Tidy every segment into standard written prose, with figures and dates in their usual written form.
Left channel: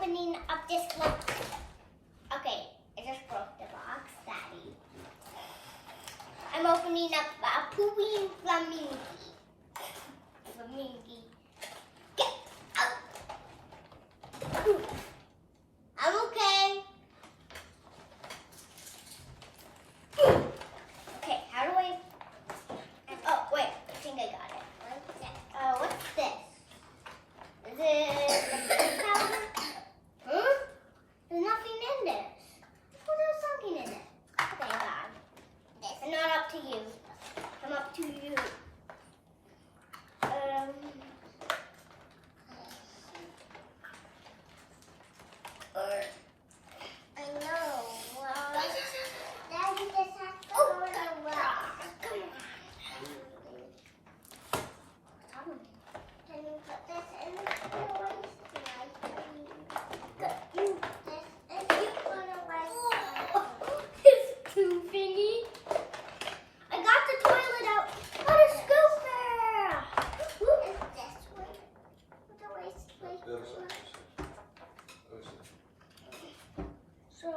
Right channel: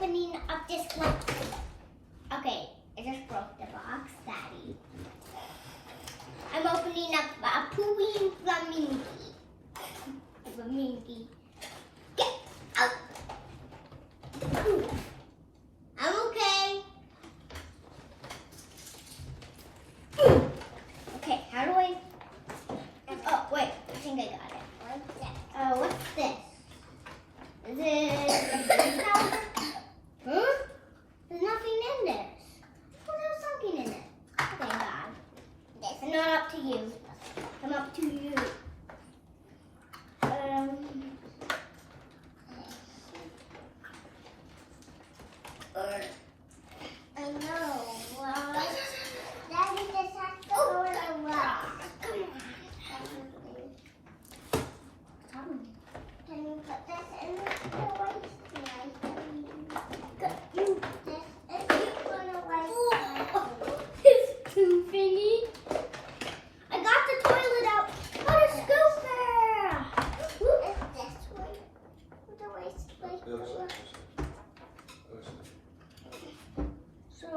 opening up this one. Okay, I just broke the box, Daddy. I'm opening up a pooping flamingo. Flamingo. Get out. I'm okay. Okay, how do I? Oh, wait, I think I got it. Oh, what's this? Is it powder? Huh? There's nothing in this. Oh, there's something in it. Okay, God. It's not up to you. I'm up to you. I know. Well, Daddy just has to go in the rock. Can you put this in the toy? It's too finny. I got the toilet out. Got a scooper. It's this one. So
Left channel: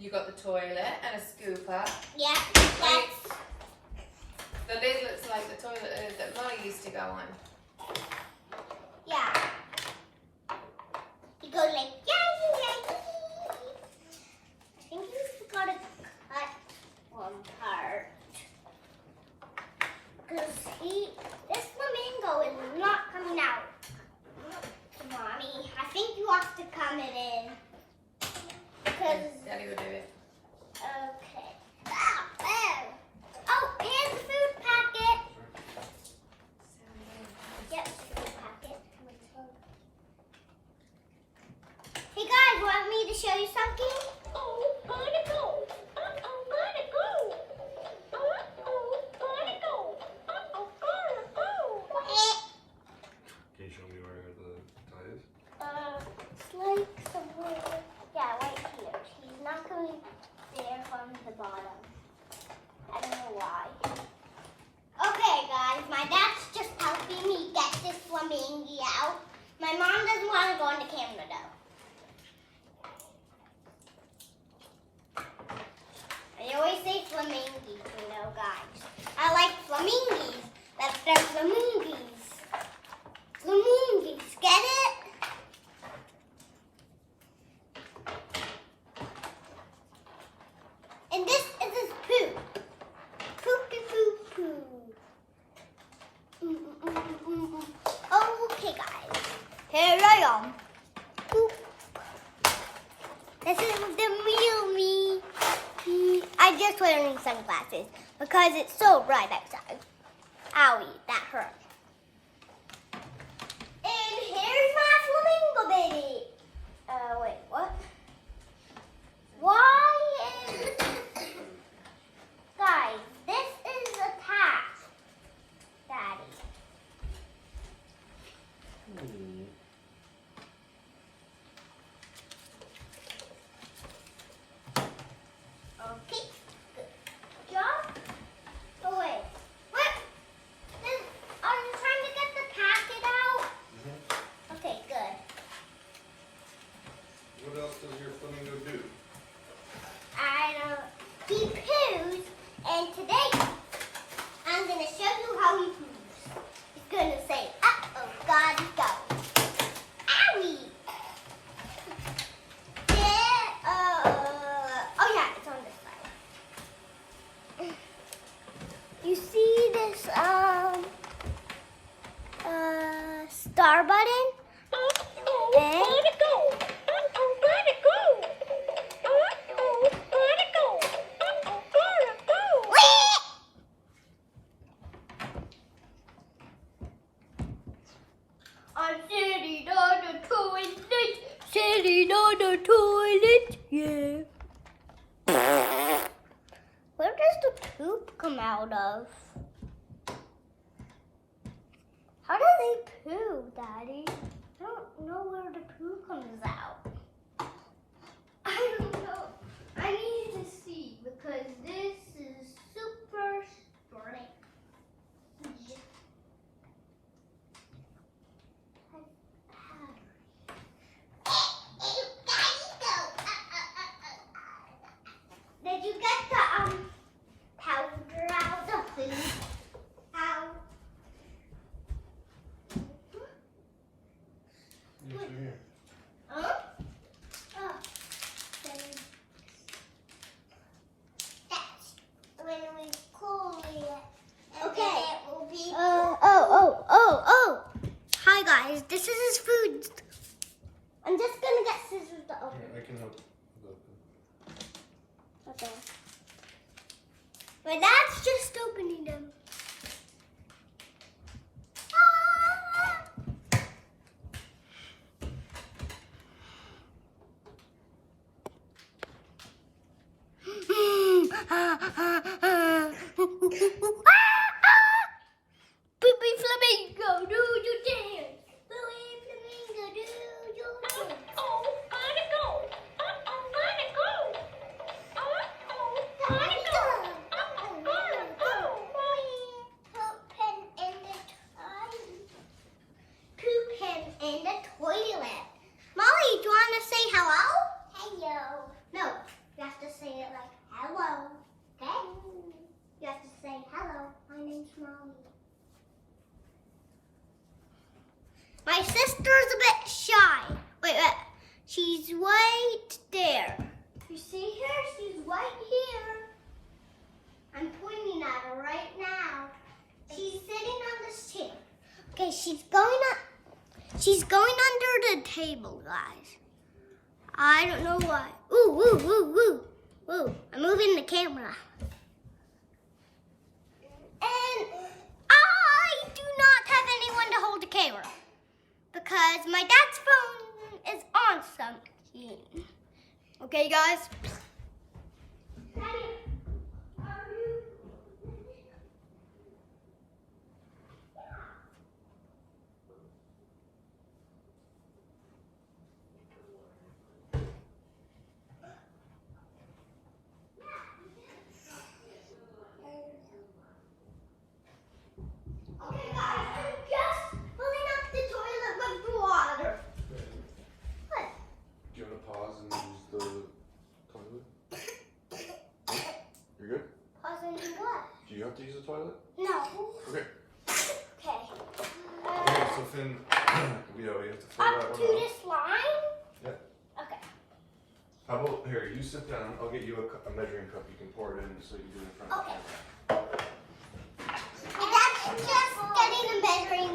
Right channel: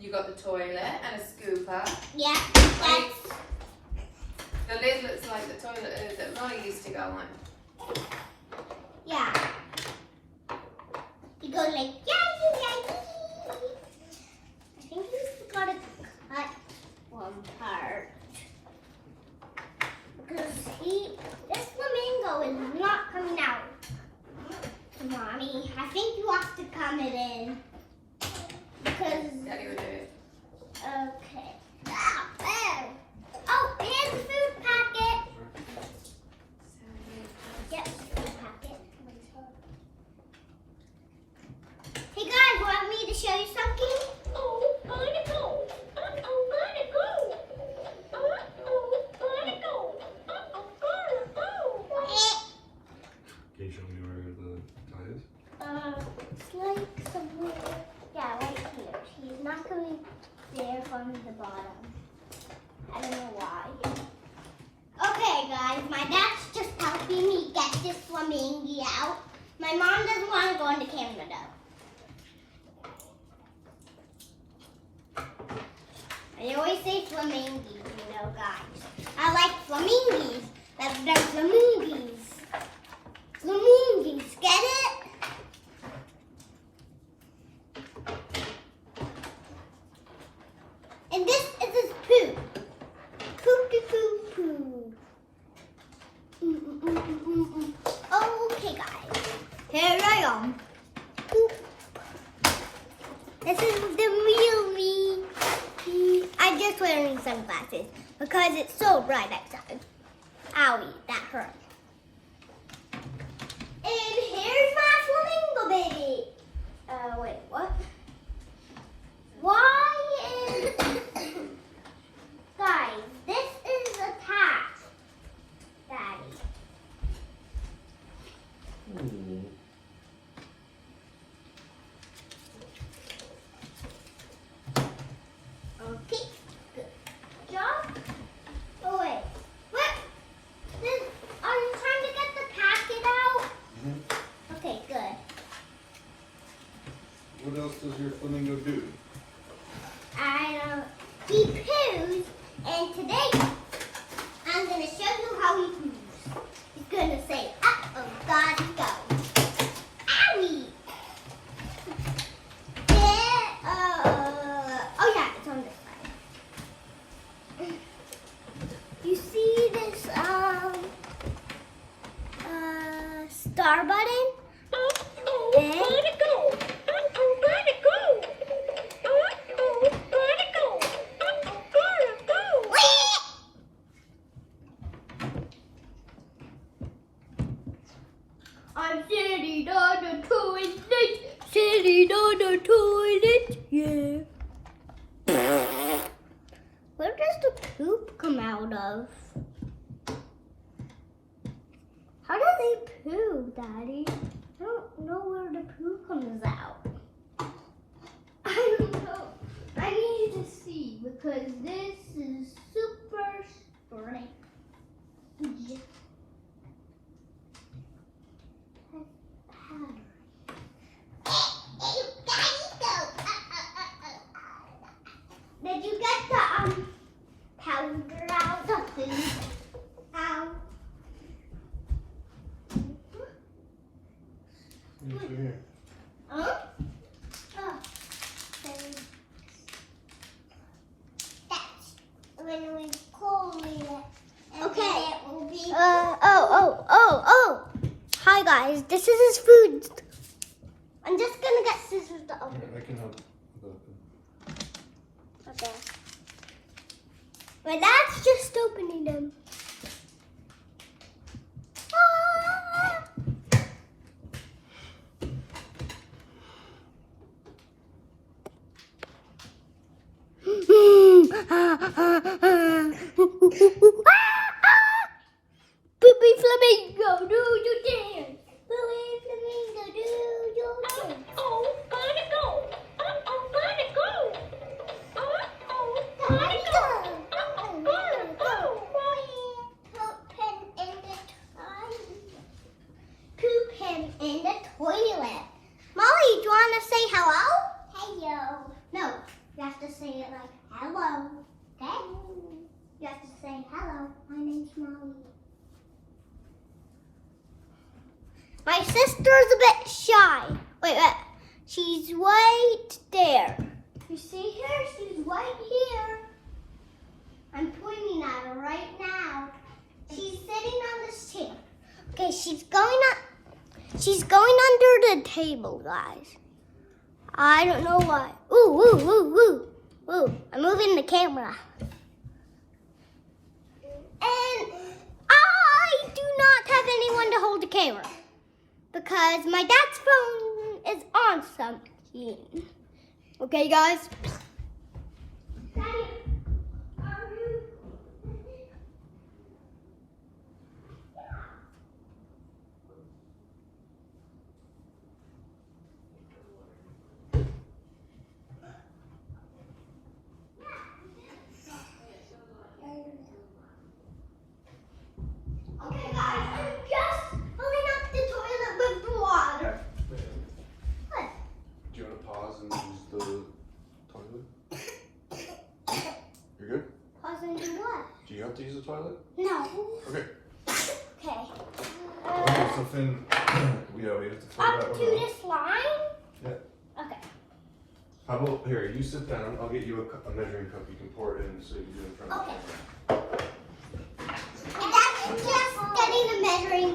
You got the toilet and a scooper. yeah, that's. The lid looks like the toilet that Molly used to go on. Yeah. He goes like, yay. I think he's got to cut one part. Because this flamingo is not coming out. Mommy, I think you have to come it in. Because, Daddy will do it. okay. Oh, here's the food packet. Yep, food packet. Hey guys, want me to show you something? Oh, gotta go. Gotta go. Gotta go. Can you show me where the tie is? It's like somewhere. Yeah, right here. He's not coming there from the bottom. I don't know why. Okay, guys, my dad's just helping me get this flamingo out. My mom doesn't want to go on the camera though. I always say flamingos, you know, guys. I like flamingos. They're flamingos. Flamingos, get it? And this is his poo. Poo. Okay, guys. Here I am. Poop. This is the real me. I'm just wearing sunglasses because it's so bright outside. Owie, that hurt. And here's my flamingo baby. Wait, what? Why is... Guys, this is attached, Daddy. Okay, good job. Oh wait, what? Are you trying to get the packet out? Okay, good. What else does your flamingo do? He poos, and today I'm going to show you how he poos. He's going to say, uh-oh, gotta go. Owie! Oh yeah, it's on this side. You see this, star button? And gotta go. Gotta go. I'm sitting on the toilet, yeah. Where does the poop come out of? How does it poo, Daddy? I don't know where the poo comes out. I don't know. I need to see because this is super strange. Pattern. guys, this is his food. I'm just gonna get scissors to open. I can help. Okay. My dad's just opening them. Poopy Flamingo, do your dance. Poopy Flamingo, do your dance. Oh, gotta go. Oh, gotta go. Oh, gotta go. Oh, gotta go. Pooping in the toilet. Molly, do you want to say hello? Hello. No, you have to say it like hello. Okay? You have to say hello. My name's Molly. My sister's a bit shy. Wait. She's right there. You see her? She's right here. I'm pointing at her right now. She's sitting on this chair. Okay, she's going under the table, guys. I don't know why. Ooh. I'm moving the camera. And I do not have anyone to hold the camera because my dad's phone is on something. Okay, guys? To use the toilet? No. Okay. Okay. Okay, so Finn, we have to figure Up out to this line? Yeah. Okay. How about, here, you sit down, I'll get you a measuring cup, you can pour it in so you do it in front of Okay. That's just getting a measuring